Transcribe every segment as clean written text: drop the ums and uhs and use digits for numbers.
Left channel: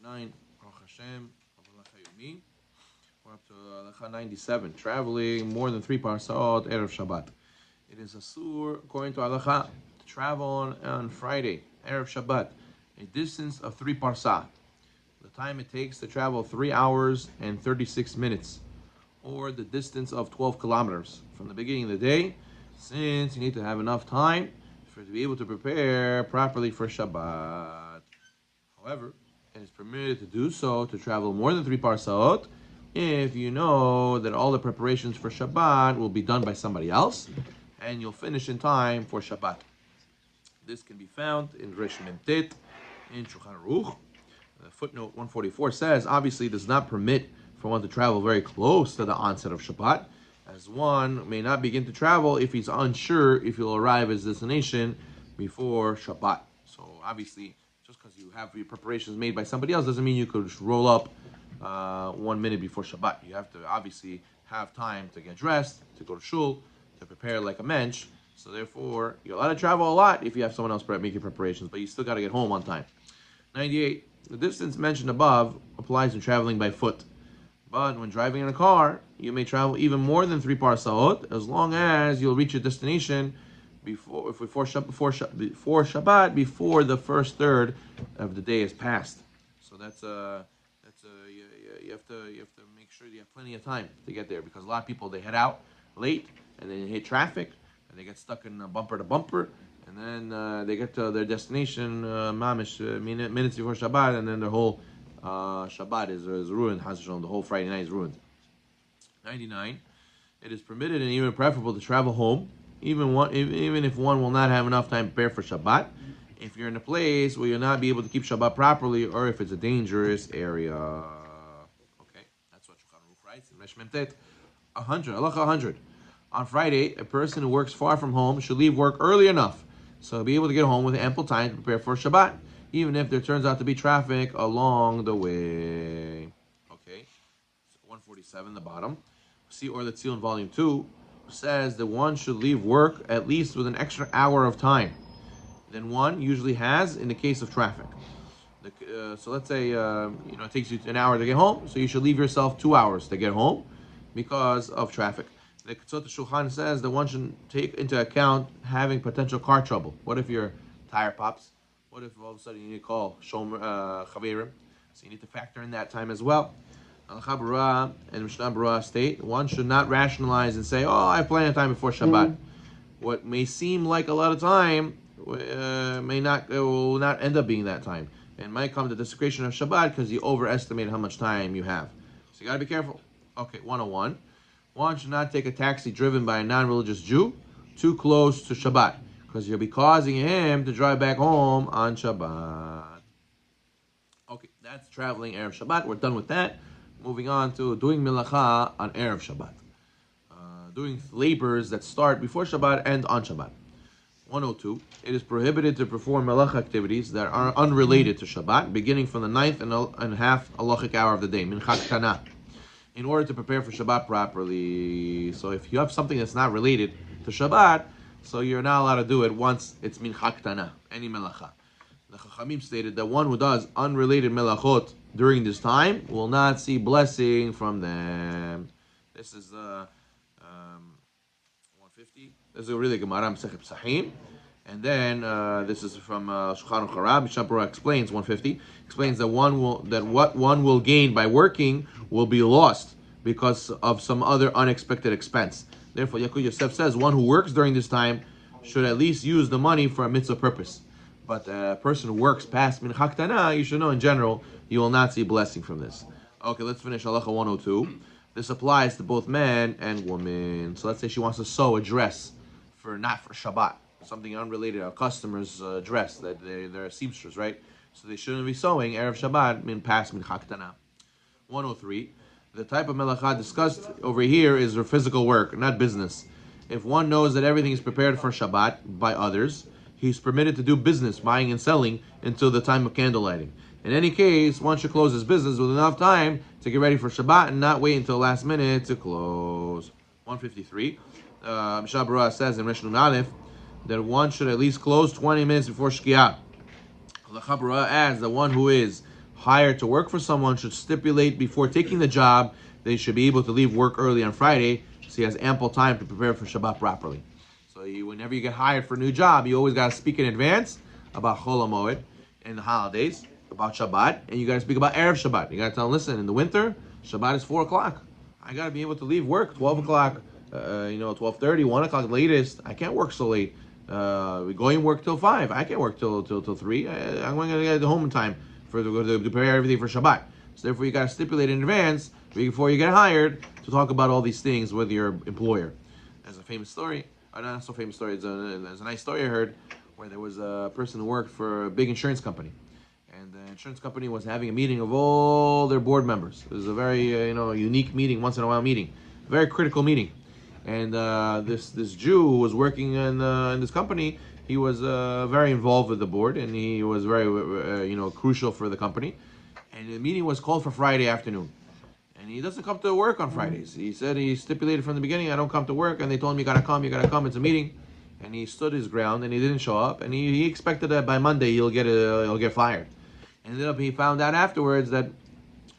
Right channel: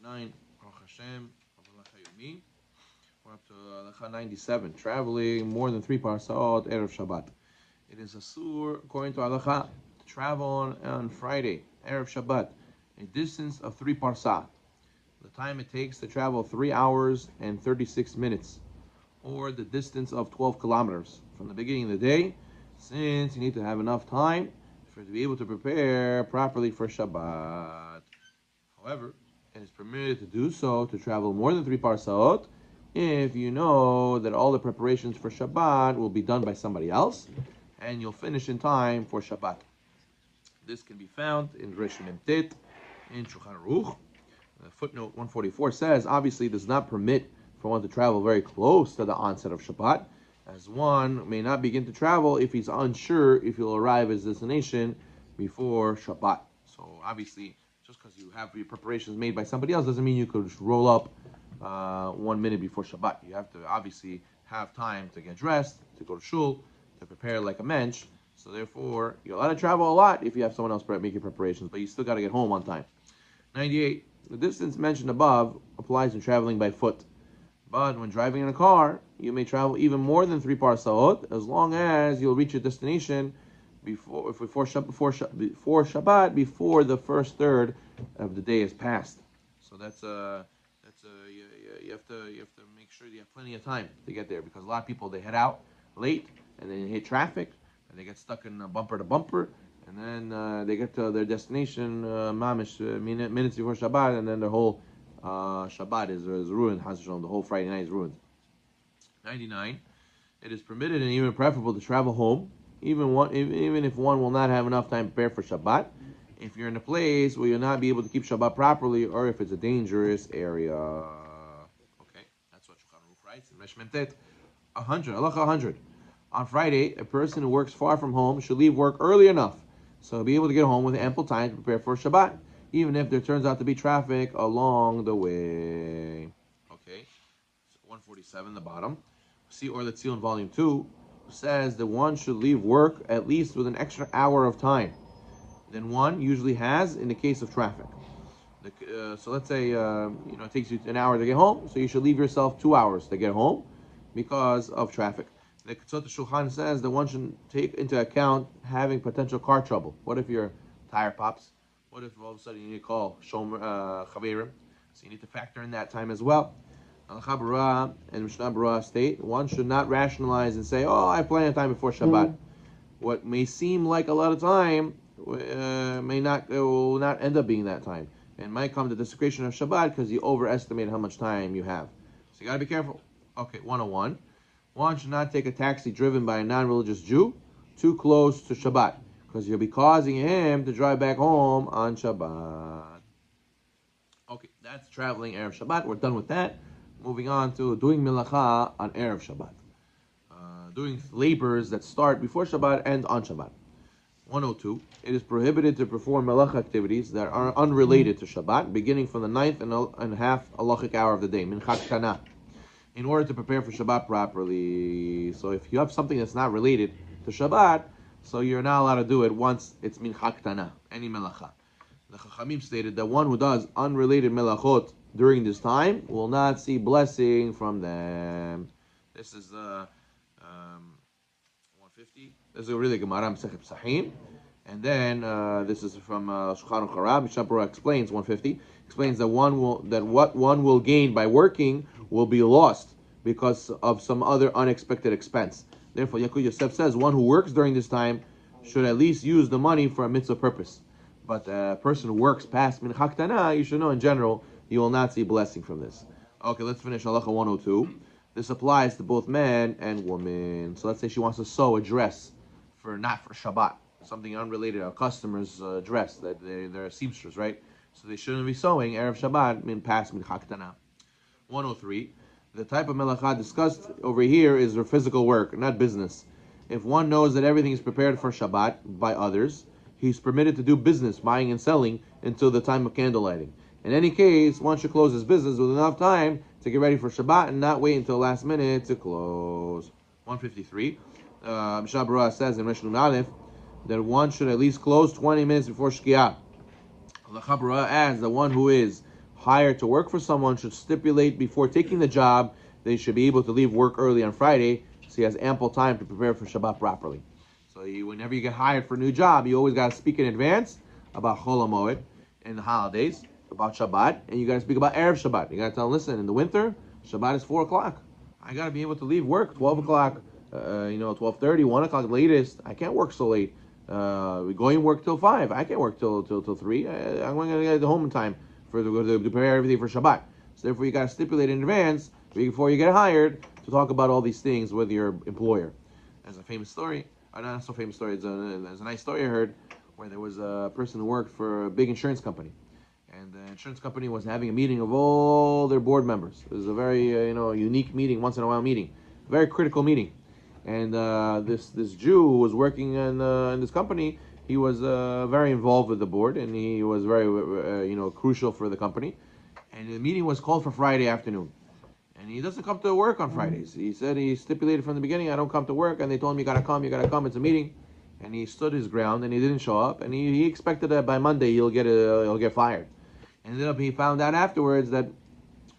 9, Baruch Hashem, Halacha Yomi. We're up to Halacha 97, traveling more than 3 parsot Erev Shabbat. It is asur, according to Halacha, to travel on Friday, Erev Shabbat, a distance of 3 parsah. The time it takes to travel 3 hours and 36 minutes, or the distance of 12 kilometers from the beginning of the day, since you need to have enough time to be able to prepare properly for Shabbat. However, it is permitted to do so to travel more than 3 parsaot if you know that all the preparations for Shabbat will be done by somebody else and you'll finish in time for Shabbat. This can be found in Resh Memtet in Shulchan Aruch. Footnote 144 says, obviously does not permit for one to travel very close to the onset of Shabbat, as one may not begin to travel if he's unsure if he'll arrive at his destination before Shabbat. So obviously, just because you have your preparations made by somebody else doesn't mean you could just roll up 1 minute before Shabbat. You have to obviously have time to get dressed, to go to shul, to prepare like a mensch. So therefore, you're allowed to travel a lot if you have someone else making preparations, but you still got to get home on time. 98. The distance mentioned above applies when traveling by foot. But when driving in a car, you may travel even more than 3 parsaot, as long as you'll reach your destination before Shabbat, before the first third of the day has passed. So you have to make sure you have plenty of time to get there, because a lot of people, they head out late and they hit traffic and they get stuck in bumper to bumper, and then they get to their destination minutes before Shabbat, and then the whole Shabbat is ruined. The whole Friday night is ruined. 99. It is permitted and even preferable to travel home, even if one will not have enough time to prepare for Shabbat, if you're in a place where you'll not be able to keep Shabbat properly, or if it's a dangerous area. Okay, that's what Shulchan Aruch writes in Resh Memtet 100. Halacha 100. On Friday, a person who works far from home should leave work early enough so he'll be able to get home with ample time to prepare for Shabbat, even if there turns out to be traffic along the way. Okay, so 147, the bottom. See Or Let's See in Volume 2, says that one should leave work at least with an extra hour of time than one usually has in the case of traffic. So let's say it takes you an hour to get home, so you should leave yourself 2 hours to get home because of traffic. The Ketzot Shulchan says that one should take into account having potential car trouble. What if your tire pops? What if all of a sudden you need to call Chaverim? So you need to factor in that time as well. Halacha Barah and Mishnah Barah state one should not rationalize and say, "Oh, I have plenty of time before Shabbat." What may seem like a lot of time will not end up being that time, and might come to desecration of Shabbat because you overestimate how much time you have. So you gotta be careful. Okay, 101. One should not take a taxi driven by a non-religious Jew too close to Shabbat, because you'll be causing him to drive back home on Shabbat. Okay, that's traveling Erev Shabbat. We're done with that. Moving on to doing Melacha on Erev Shabbat. Doing labors that start before Shabbat and on Shabbat. 102. It is prohibited to perform Melacha activities that are unrelated to Shabbat, beginning from the 9th and half halachic hour of the day, Minchat Kana, in order to prepare for Shabbat properly. So if you have something that's not related to Shabbat, so you're not allowed to do it once it's Minchat Kana, any Melacha. The Chachamim stated that one who does unrelated Melachot during this time will not see blessing from them. This is 150. This is really Gemara Masechet Psachim. And then this is from Shulchan Aruch. Mishnah Berurah explains 150. Explains that what one will gain by working will be lost because of some other unexpected expense. Therefore, Yaakov Yosef says one who works during this time should at least use the money for a mitzvah purpose. But a person who works past Minchat Kana, you should know in general, you will not see blessing from this. Okay, let's finish Halacha 102. This applies to both men and women. So let's say she wants to sew a dress not for Shabbat, something unrelated, a customer's dress, that they're seamstress, right? So they shouldn't be sewing Erev Shabbat past Minchat Kana. 103. The type of Melacha discussed over here is for physical work, not business. If one knows that everything is prepared for Shabbat by others, he's permitted to do business, buying and selling, until the time of candle lighting. In any case, one should close his business with enough time to get ready for Shabbat and not wait until the last minute to close. 153. Mishnah Berurah says in Resh Aleph that one should at least close 20 minutes before Shkiah. The Berurah adds that one who is hired to work for someone should stipulate before taking the job that he should be able to leave work early on Friday so he has ample time to prepare for Shabbat properly. So whenever you get hired for a new job, you always got to speak in advance about Chol HaMoed and the holidays, about Shabbat, and you got to speak about Erev Shabbat. You got to tell them, listen, in the winter, Shabbat is 4 o'clock. I got to be able to leave work 12 o'clock, 12:30, 1 o'clock latest. I can't work so late. We're going to work till 5. I can't work till 3. I'm going to get home in time to prepare everything for Shabbat. So therefore, you got to stipulate in advance before you get hired to talk about all these things with your employer. There's a famous story, not so famous story. There's a nice story I heard where there was a person who worked for a big insurance company, and the insurance company was having a meeting of all their board members. It was a very unique meeting, once in a while meeting, very critical meeting. And this Jew who was working in this company, he was very involved with the board, and he was very crucial for the company. And the meeting was called for Friday afternoon, and he doesn't come to work on Fridays. He said he stipulated from the beginning, I don't come to work, and they told him you gotta come, it's a meeting. And he stood his ground, and he didn't show up, and he expected that by Monday he'll get fired. And he found out afterwards that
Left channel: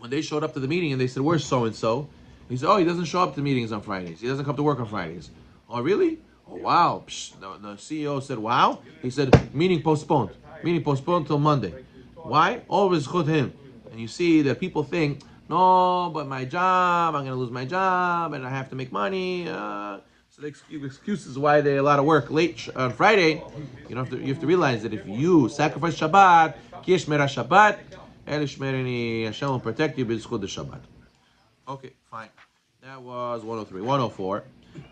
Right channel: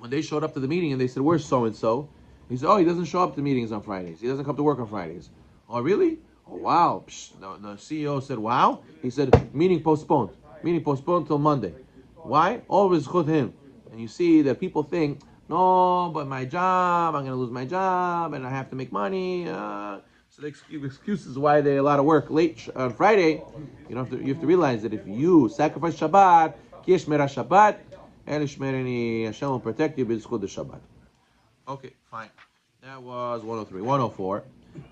when they showed up to the meeting and they said, where's so and so? He said, oh, he doesn't show up to meetings on Fridays. He doesn't come to work on Fridays. Oh, really? Oh, wow. The CEO said, wow. He said, meeting postponed. Meeting postponed till Monday. Why? Always chut him. And you see that people think, no, but my job, I'm going to lose my job, and I have to make money. So the excuses why they allow to work late on Friday. You have to realize that if you sacrifice Shabbat, ki yishmera Shabbat, and Hashem will protect you b'zchut the Shabbat. Okay, fine. That was 103. 104.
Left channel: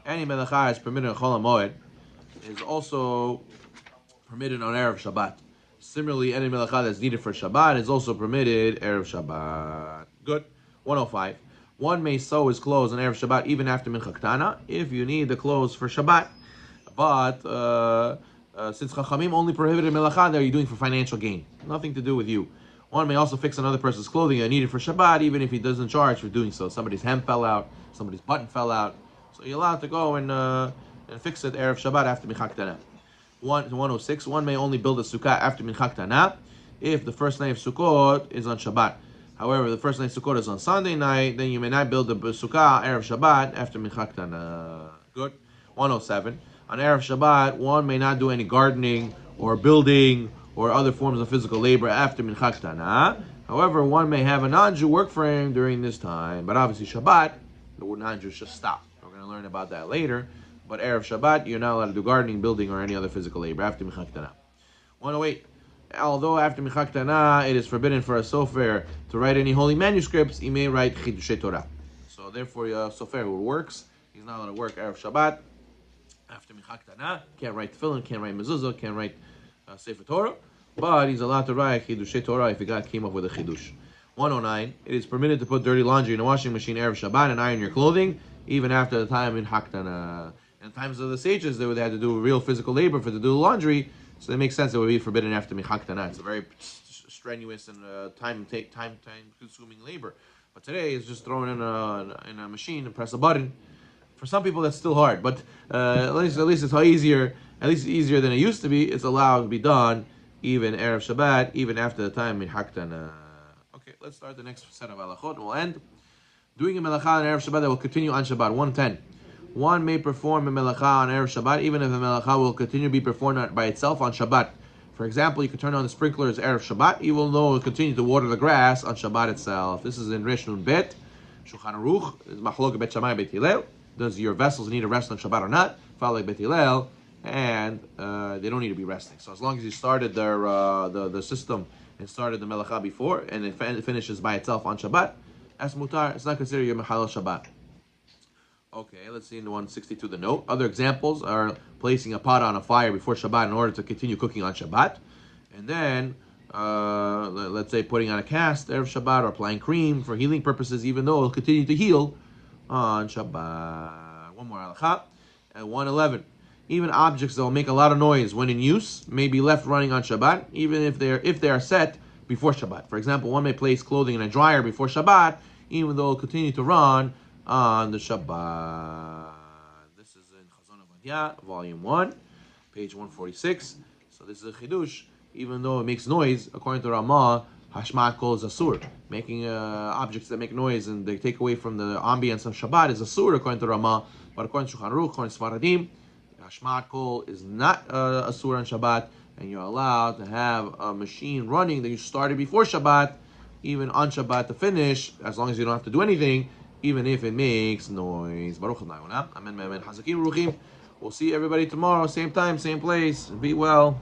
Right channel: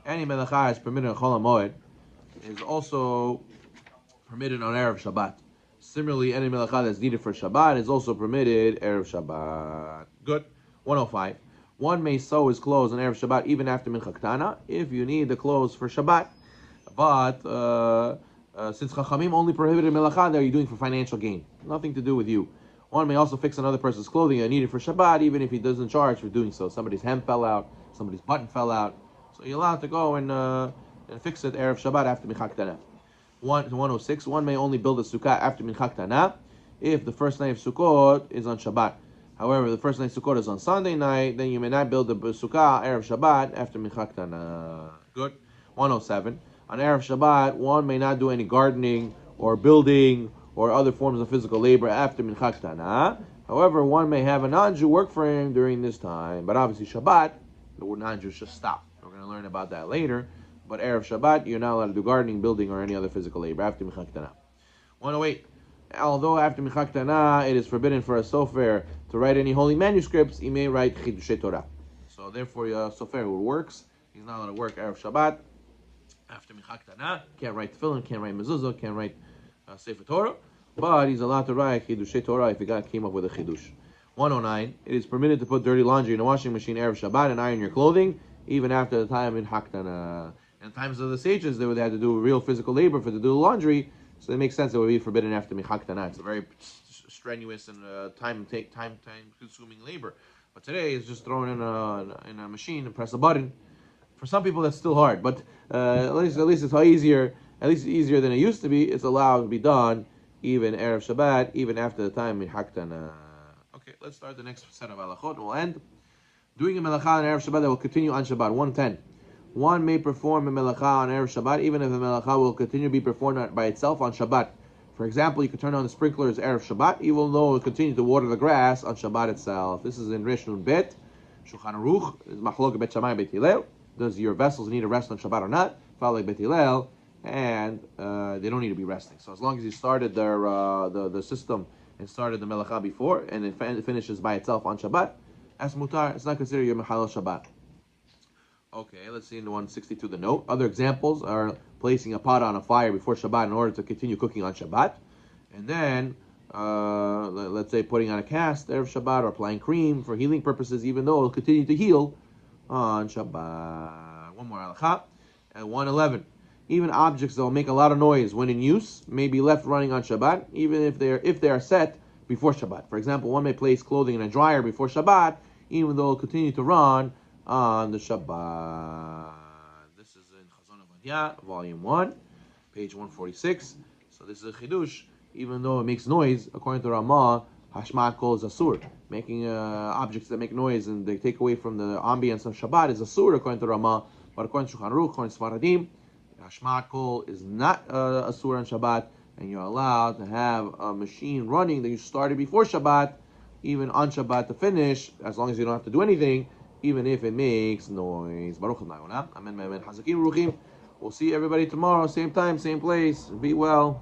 Any Melacha is permitted in Chol HaMoed is also permitted on Erev Shabbat. Similarly, any Melacha that's needed for Shabbat is also permitted Erev Shabbat. Good. 105. One may sew his clothes on Erev Shabbat even after Mincha Ktana if you need the clothes for Shabbat. But since Chachamim only prohibited Melacha, they're doing for financial gain. Nothing to do with you. One may also fix another person's clothing needed for Shabbat, even if he doesn't charge for doing so. Somebody's hem fell out, somebody's button fell out. So you're allowed to go and fix it Erev Shabbat after Mincha Ktana. 106. One may only build a sukkah after Mincha Ktana if the first night of Sukkot is on Shabbat. However, the first night of Sukkot is on Sunday night, then you may not build the sukkah Erev Shabbat after Mincha Ktana. Good. 107. On Erev Shabbat, one may not do any gardening or building or other forms of physical labor after Mincha Ktana. However, one may have a non-Jew work for him during this time. But obviously Shabbat, the non-Jews should stop. We're going to learn about that later. But Erev Shabbat, you're not allowed to do gardening, building, or any other physical labor after Mincha Ktana. 108. Although after Mincha Ktana, it is forbidden for a sofer to write any holy manuscripts, he may write Chidushei Torah. So therefore, a sofer who works, he's not allowed to work Erev Shabbat after Mincha Ktana. Can't write tefillin, can't write mezuzah, can't write Sefer Torah, but he's allowed to write Chidushei Torah if he came up with a Chidush. 109. It is permitted to put dirty laundry in a washing machine Erev Shabbat and iron your clothing, even after the time in Haktana. In times of the sages, they had to do real physical labor to do the laundry, so it makes sense it would be forbidden after Haktana. It's a very strenuous and time-consuming labor. But today, it's just thrown in a machine and press a button. For some people, that's still hard, but at least it's easier. At least easier than it used to be. It's allowed to be done even Erev Shabbat, even after the time in Haktana. Okay, let's start the next set of halachot. We'll end doing a Melacha on Erev Shabbat that will continue on Shabbat. 110. One may perform a Melacha on Erev Shabbat even if the Melacha will continue to be performed by itself on Shabbat. For example, you can turn on the sprinklers Erev Shabbat, even though it will continue to water the grass on Shabbat itself. This is in Resh Nun Bet, Shulchan Aruch, is Machlok Bet Shammai Bet Hillel. Does your vessels need to rest on Shabbat or not? Follow Bet Hillel. And they don't need to be resting. So as long as you started the system and started the Melacha before, and it finishes by itself on Shabbat, as mutar, it's not considered your Mechalel Shabbat. Okay, let's see in the 162 the note. Other examples are placing a pot on a fire before Shabbat in order to continue cooking on Shabbat, and then let's say putting on a cast Erev Shabbat or applying cream for healing purposes, even though it'll continue to heal on Shabbat. One more halacha. 111. Even objects that will make a lot of noise when in use may be left running on Shabbat, even if they are set before Shabbat. For example, one may place clothing in a dryer before Shabbat, even though it will continue to run on the Shabbat. This is in Chazon Avadia, Volume 1, page 146. So this is a Chidush. Even though it makes noise, according to Ramah, Hashmat kol is asur. Making objects that make noise and they take away from the ambience of Shabbat is asur according to Ramah. But according to Shulchan Aruch, according to Sfaradim, Hashmat kol is not asur on Shabbat, and you're allowed to have a machine running that you started before Shabbat, even on Shabbat to finish, as long as you don't have to do anything, even if it makes noise. Baruch Adonai. Amen, amen. Hazakim Ruchim. We'll see everybody tomorrow, same time, same place. Be well.